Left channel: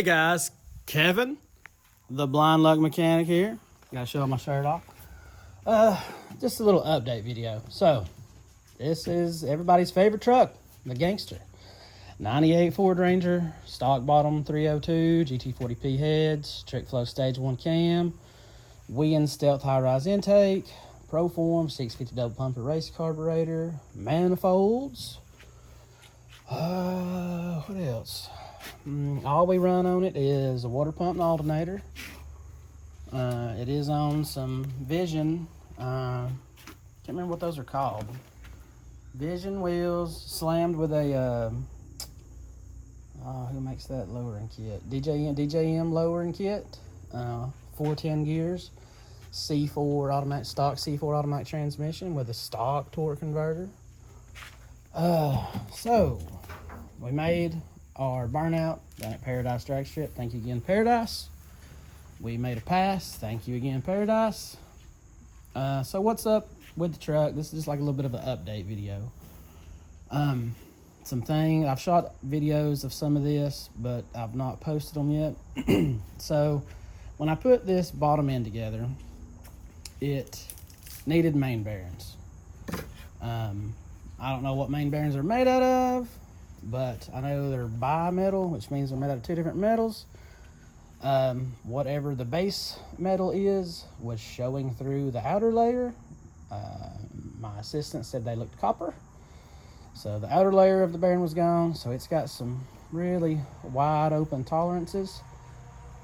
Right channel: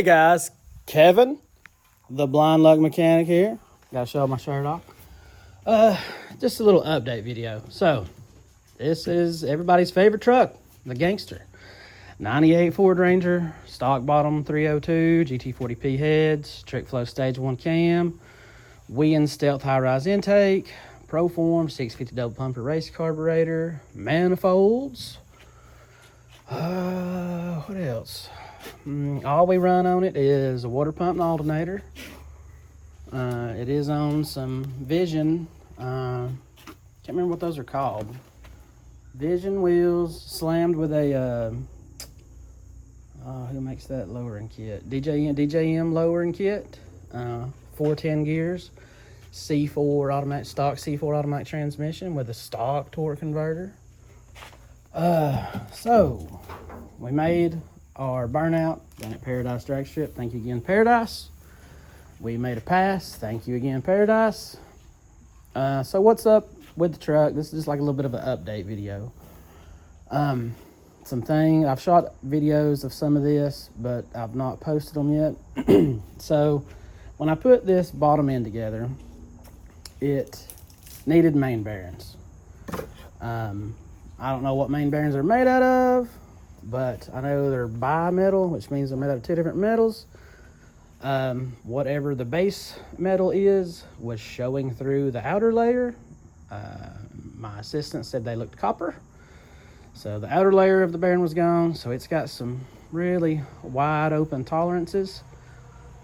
Hey guys, Kevin, the Blind Luck Mechanic here. Gotta show my shirt off. Just a little update video. So, this is everybody's favorite truck, the Gangster. 98 Ford Ranger, stock bottom 302, GT40P heads, trick flow stage 1 cam, Wien stealth high-rise intake, Proform 650 double pumper race carburetor, manifolds. What else? All we run on it is a water pump and alternator. It is on some Vision, can't remember what those are called. Vision wheels slammed with a, who makes that lowering kit? DJM lowering kit, 410 gears, C4 automatic, stock C4 automatic transmission with a stock torque converter. So we made our burnout at Paradise drag strip. Thank you again, Paradise. We made a pass. Thank you again, Paradise. So what's up with the truck? This is just like a little bit of an update video. I've shot videos of some of this, but I've not posted them yet. So when I put this bottom end together, it needed main bearings. I don't know what main bearings are made out of, but I know they're bi-metal, which means they're made out of two different metals. Whatever the base metal is was showing through the outer layer. My assistant said they looked copper. So the outer layer of the bearing was gone, so it's got some really wide open tolerances.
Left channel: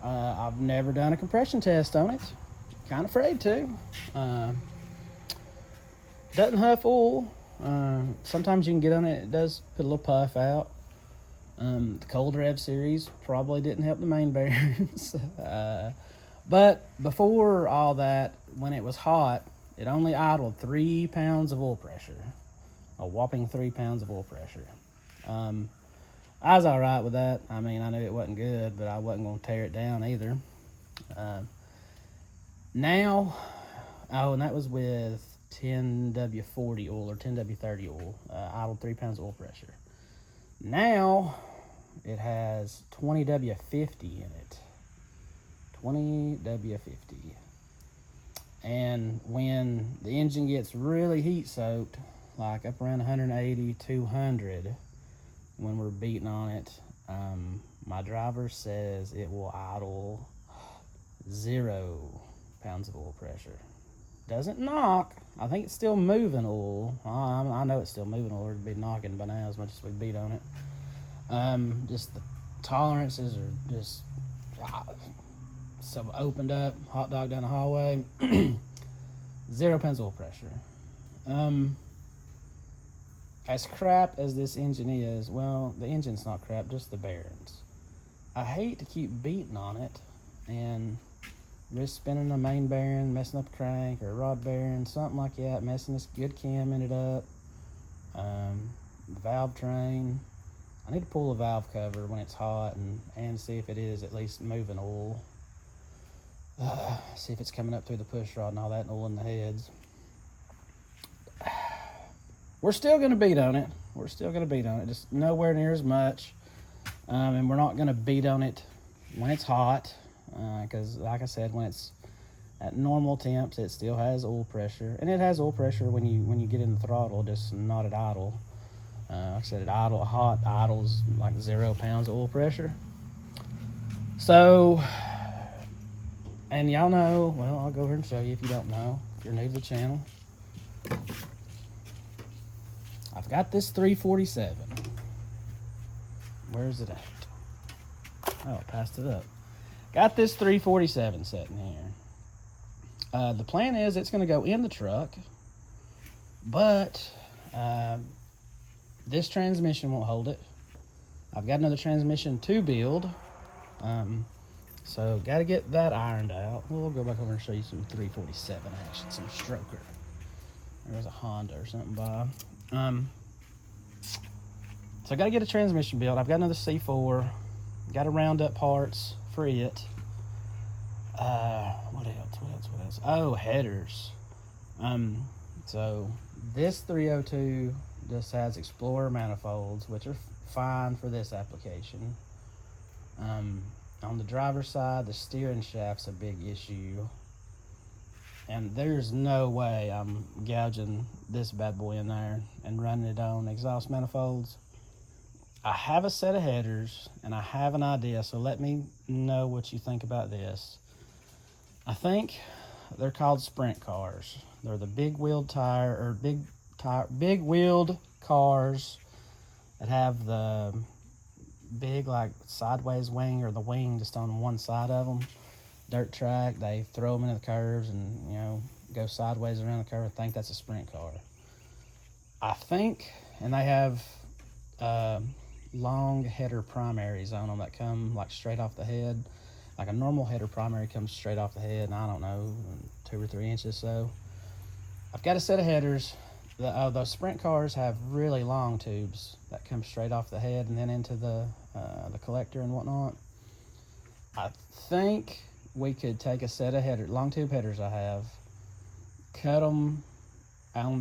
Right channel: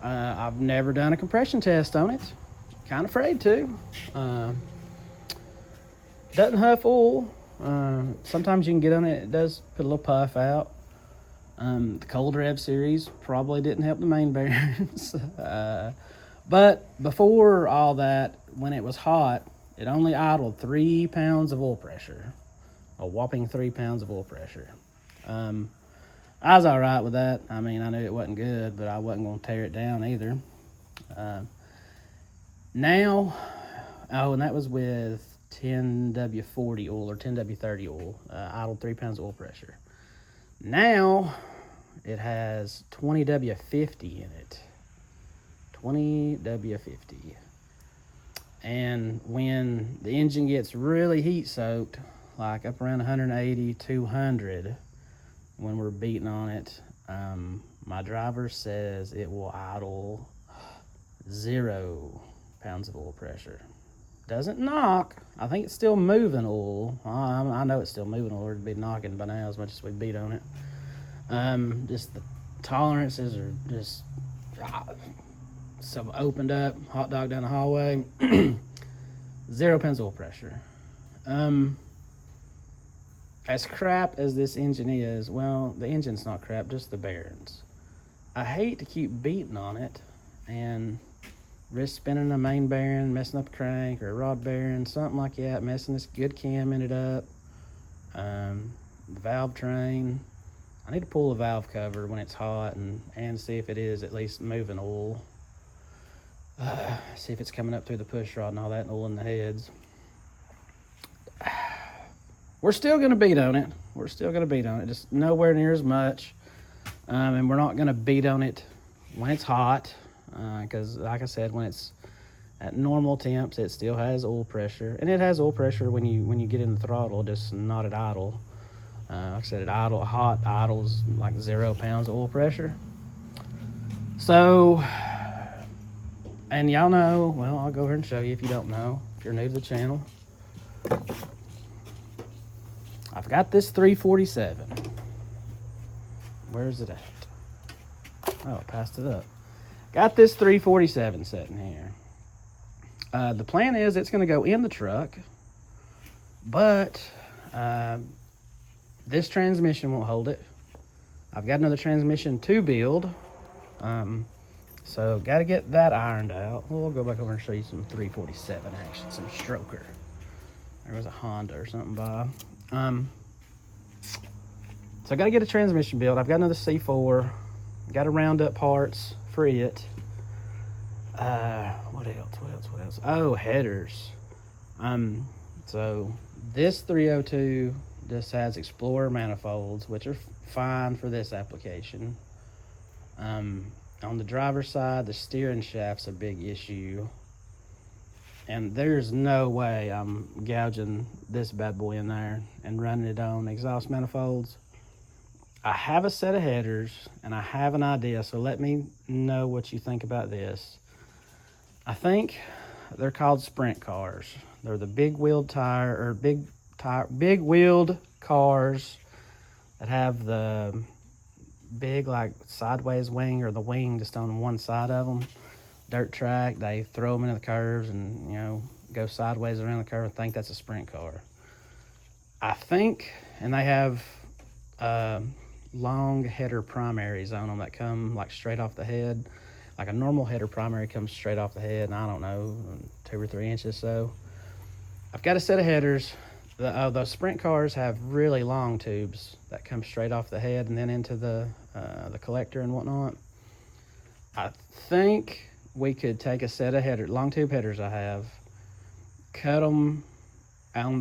I've never done a compression test on it. Kind of afraid to. Doesn't huff oil. Sometimes you can get on it, it does put a little puff out. The Cold Rev series probably didn't help the main bearings. But before all that, when it was hot, it only idled 3 pounds of oil pressure. A whopping 3 pounds of oil pressure. I was all right with that. I mean, I knew it wasn't good, but I wasn't going to tear it down either. Now, and that was with 10W40 oil or 10W30 oil, idled 3 pounds of oil pressure. Now it has 20W50 in it. 20W50. And when the engine gets really heat soaked, like up around 180, 200, when we're beating on it, my driver says it will idle 0 pounds of oil pressure. Doesn't knock. I think it's still moving oil. I know it's still moving oil. It'd be knocking by now as much as we beat on it. Just the tolerances are just so opened up. Hot dog down the hallway. 0 pounds oil pressure. As crap as this engine is, well, the engine's not crap, just the bearings. I hate to keep beating on it and risk spinning a main bearing, messing up a crank or a rod bearing, something like that, messing this good cam in it up. The valve train. I need to pull the valve cover when it's hot and see if it is at least moving oil. See if it's coming up through the push rod and all that, and oil in the heads. We're still going to beat on it. We're still going to beat on it, just nowhere near as much. And we're not going to beat on it when it's hot. Because like I said, when it's at normal temps, it still has oil pressure, and it has oil pressure when you get in the throttle, just not at idle. Like I said, at hot idles like 0 pounds of oil pressure. So, and y'all know, well, I'll go ahead and show you if you don't know, if you're new to the channel. I've got this 347. Where's it at? Oh, I passed it up. Got this 347 sitting here. The plan is it's going to go in the truck, but this transmission won't hold it. I've got another transmission to build, so got to get that ironed out. We'll go back over and show you some 347 action, some stroker. There was a Honda or something by. So I got to get a transmission built. I've got another C4. Got to round up parts for it. What else? Oh, headers. So this 302 just has Explorer manifolds, which are fine for this application. On the driver's side, the steering shaft's a big issue. And there's no way I'm gouging this bad boy in there and running it on exhaust manifolds. I have a set of headers and I have an idea, so let me know what you think about this. I think they're called sprint cars. They're the big wheeled big wheeled cars that have the big like sideways wing, or the wing just on one side of them. Dirt track, they throw them into the curves and, you know, go sideways around the curve and think that's a sprint car. I think, and they have long header primaries on them that come like straight off the head. Like a normal header primary comes straight off the head, and I don't know, 2 or 3 inches. So I've got a set of headers. Those sprint cars have really long tubes that come straight off the head and then into the collector and whatnot. I think we could take a set of long tube headers I have, cut them on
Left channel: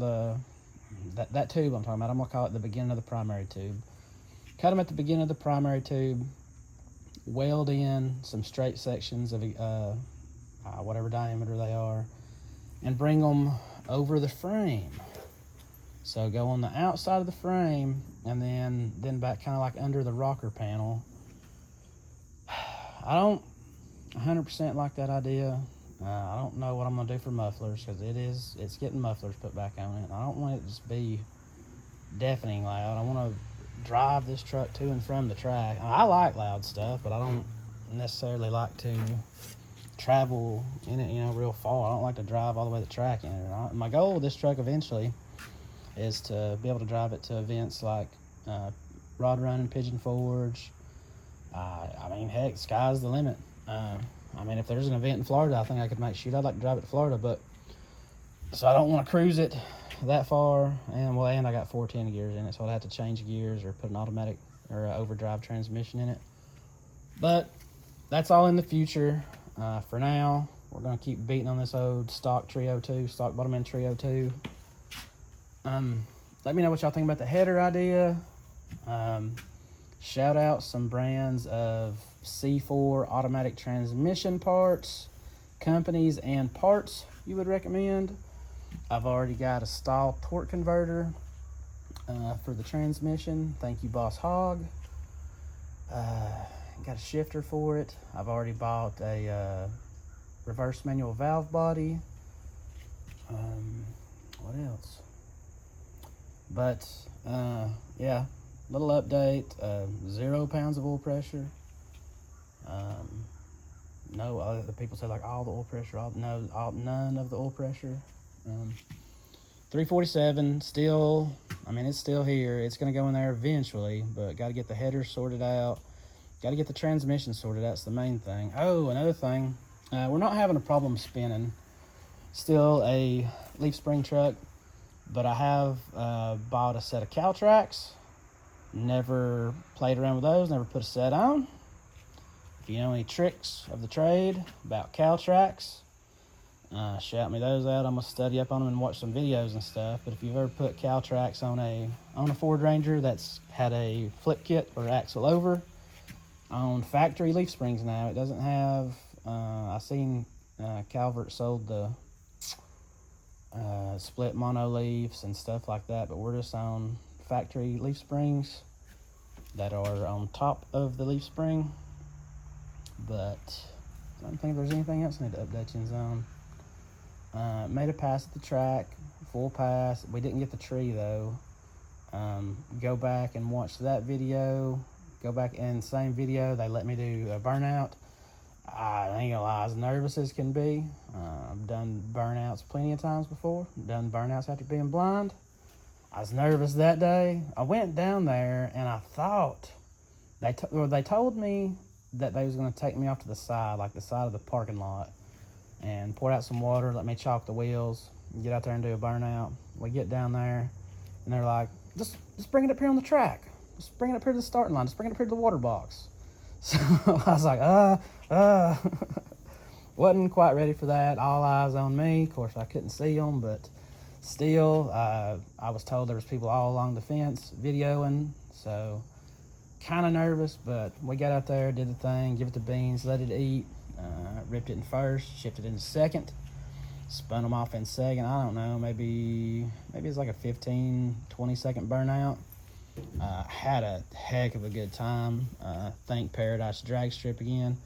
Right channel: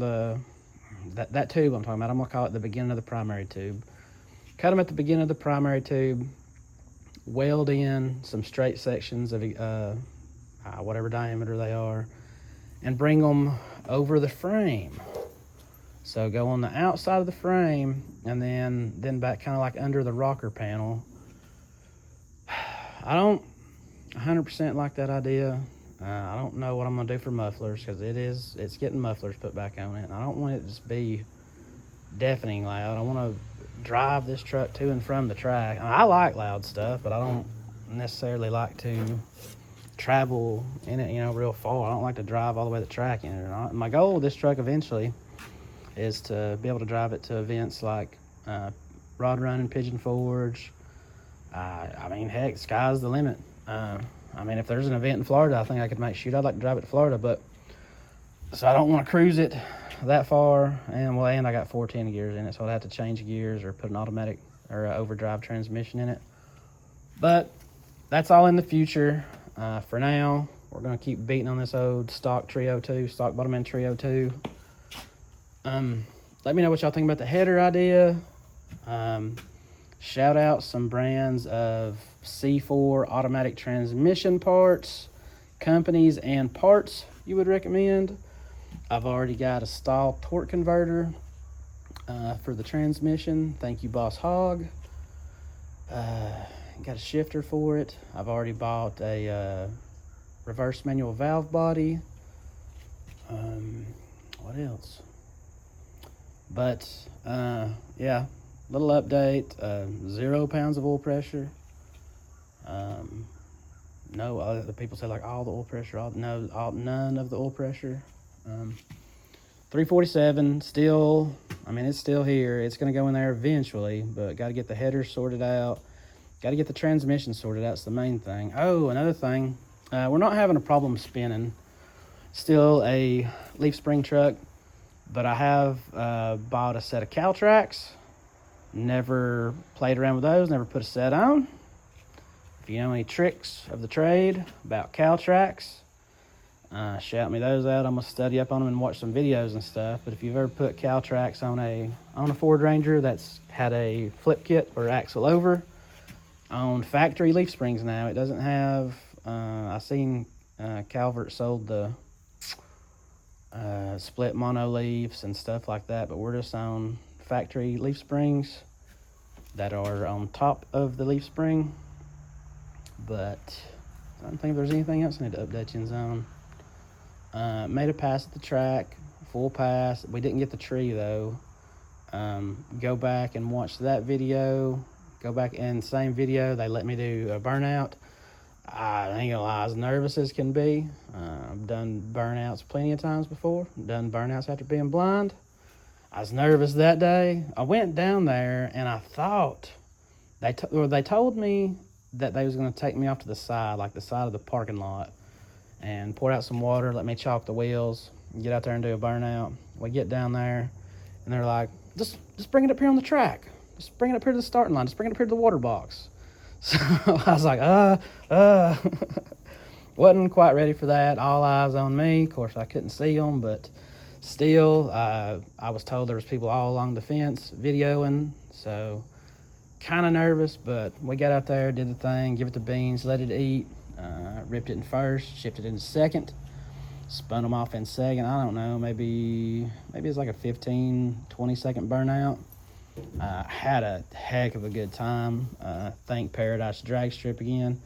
that tube I'm talking about. I'm gonna call it the beginning of the primary tube. Cut them at the beginning of the primary tube, weld in some straight sections of whatever diameter they are, and bring them over the frame. So go on the outside of the frame and then back kind of like under the rocker panel. I don't 100% like that idea. I don't know what I'm gonna do for mufflers, because it's getting mufflers put back on it. I don't want it to just be deafening loud. I want to drive this truck to and from the track. I like loud stuff, but I don't necessarily like to travel in it, you know, real far. I don't like to drive all the way to the track in it. My goal with this truck eventually is to be able to drive it to events like Rod Run and Pigeon Forge. I mean, heck, sky's the limit. I mean, if there's an event in Florida, I think I could make shoot. I'd like to drive it to Florida, but so I don't want to cruise it that far. And I got 410 gears in it, so I'd have to change gears or put an automatic or overdrive transmission in it. But that's all in the future. For now, we're gonna keep beating on this old stock Trio 2, stock bottom end Trio 2. Let me know what y'all think about the header idea. Shout out some brands of C4 automatic transmission parts, companies and parts you would recommend. I've already got a stall torque converter for the transmission. Thank you, Boss Hog. Got a shifter for it. I've already bought a reverse manual valve body. What else? But yeah, little update. 0 pounds of oil pressure. No, other people say like all the oil pressure. None of the oil pressure. 347 still. I mean, it's still here. It's gonna go in there eventually, but got to get the header sorted out. Got to get the transmission sorted out. It's the main thing. Oh, another thing. We're not having a problem spinning. Still a leaf spring truck, but I have bought a set of cow tracks. Never played around with those. Never put a set on. If you know any tricks of the trade about cow tracks, shout me those out. I'm gonna study up on them and watch some videos and stuff. But if you've ever put cow tracks on a Ford Ranger that's had a flip kit or axle over, on factory leaf springs now, it doesn't have. I seen Calvert sold the split mono leaves and stuff like that, but we're just on factory leaf springs that are on top of the leaf spring. But I don't think there's anything else I need to update you on. Made a pass at the track, full pass. We didn't get the tree though. Go back and watch that video. Go back in the same video, they let me do a burnout. I ain't gonna lie, as nervous as can be. I've done burnouts plenty of times before. Done burnouts after being blind. I was nervous that day. I went down there and I thought they told me that they was gonna take me off to the side, like the side of the parking lot, and pour out some water, let me chalk the wheels, get out there and do a burnout. We get down there and they're like, just bring it up here on the track. Just bring it up here to the starting line. Just bring it up here to the water box. So I was like, wasn't quite ready for that. All eyes on me. Of course, I couldn't see them, but still, I was told there was people all along the fence videoing. So kind of nervous, but we got out there, did the thing, give it the beans, let it eat, ripped it in first, shipped it in second, spun them off in second. I don't know, maybe it's like a 15-20 second burnout. Had a heck of a good time. Thank Paradise Drag Strip again.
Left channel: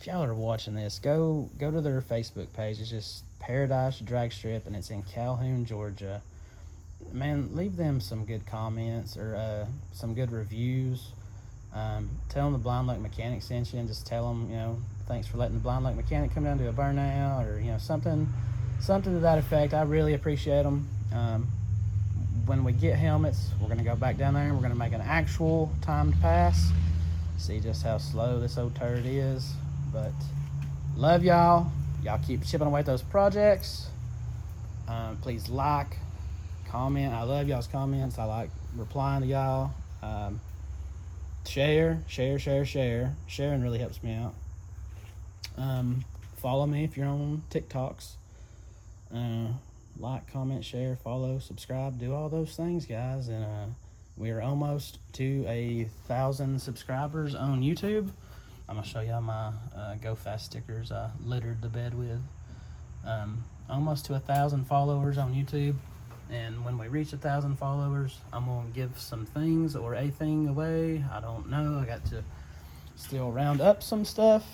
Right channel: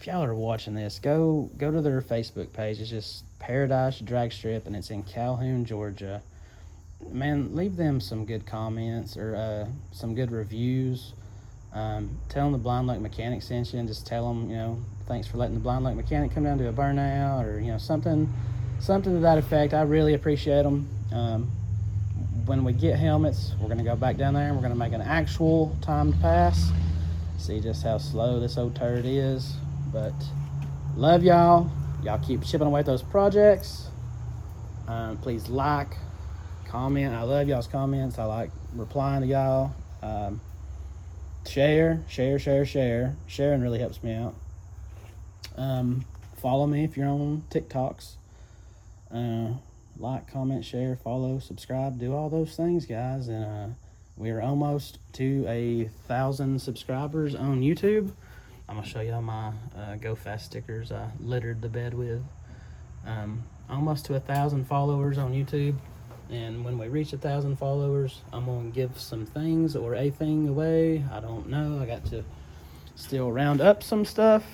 If y'all are watching this, go to their Facebook page. It's just Paradise Drag Strip, and it's in Calhoun, Georgia. Man, leave them some good comments or some good reviews. Tell them the Blind Luck Mechanic sent you, and just tell them, you know, thanks for letting the Blind Luck Mechanic come down to a burnout, or, you know, something to that effect. I really appreciate them. When we get helmets, we're gonna go back down there and we're gonna make an actual timed pass. See just how slow this old turd is. But love y'all. Y'all keep chipping away at those projects. Please like, comment. I love y'all's comments. I like replying to y'all. Share. Sharing really helps me out. Follow me if you're on TikToks. Like, comment, share, follow, subscribe, do all those things, guys. And we are almost to 1,000 subscribers on YouTube. I'm gonna show y'all my Go Fast stickers I littered the bed with. Almost to 1,000 followers on YouTube. And when we reach 1,000 followers, I'm gonna give some things or a thing away. I don't know. I got to still round up some stuff.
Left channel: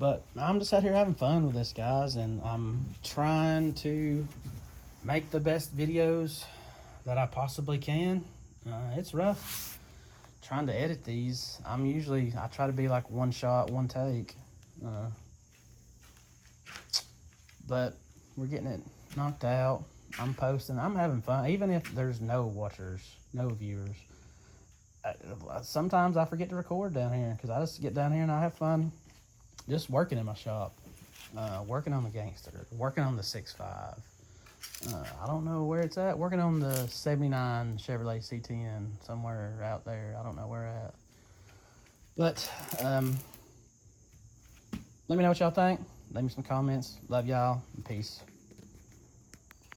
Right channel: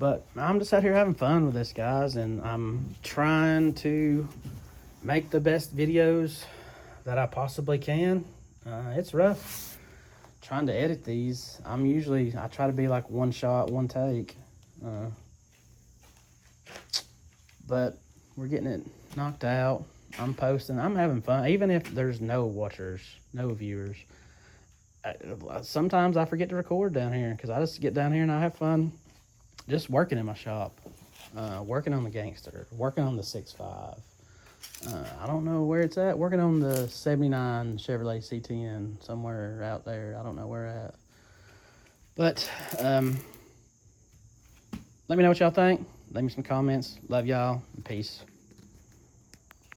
But I'm just out here having fun with this, guys, and I'm trying to make the best videos that I possibly can. It's rough trying to edit these. I try to be like one shot, one take. But we're getting it knocked out. I'm posting. I'm having fun, even if there's no watchers, no viewers. Sometimes I forget to record down here because I just get down here and I have fun. Just working in my shop, working on the Gangster, working on the 6.5. I don't know where it's at. Working on the 79 Chevrolet C10 somewhere out there. I don't know where at. But let me know what y'all think. Leave me some comments. Love y'all. And peace.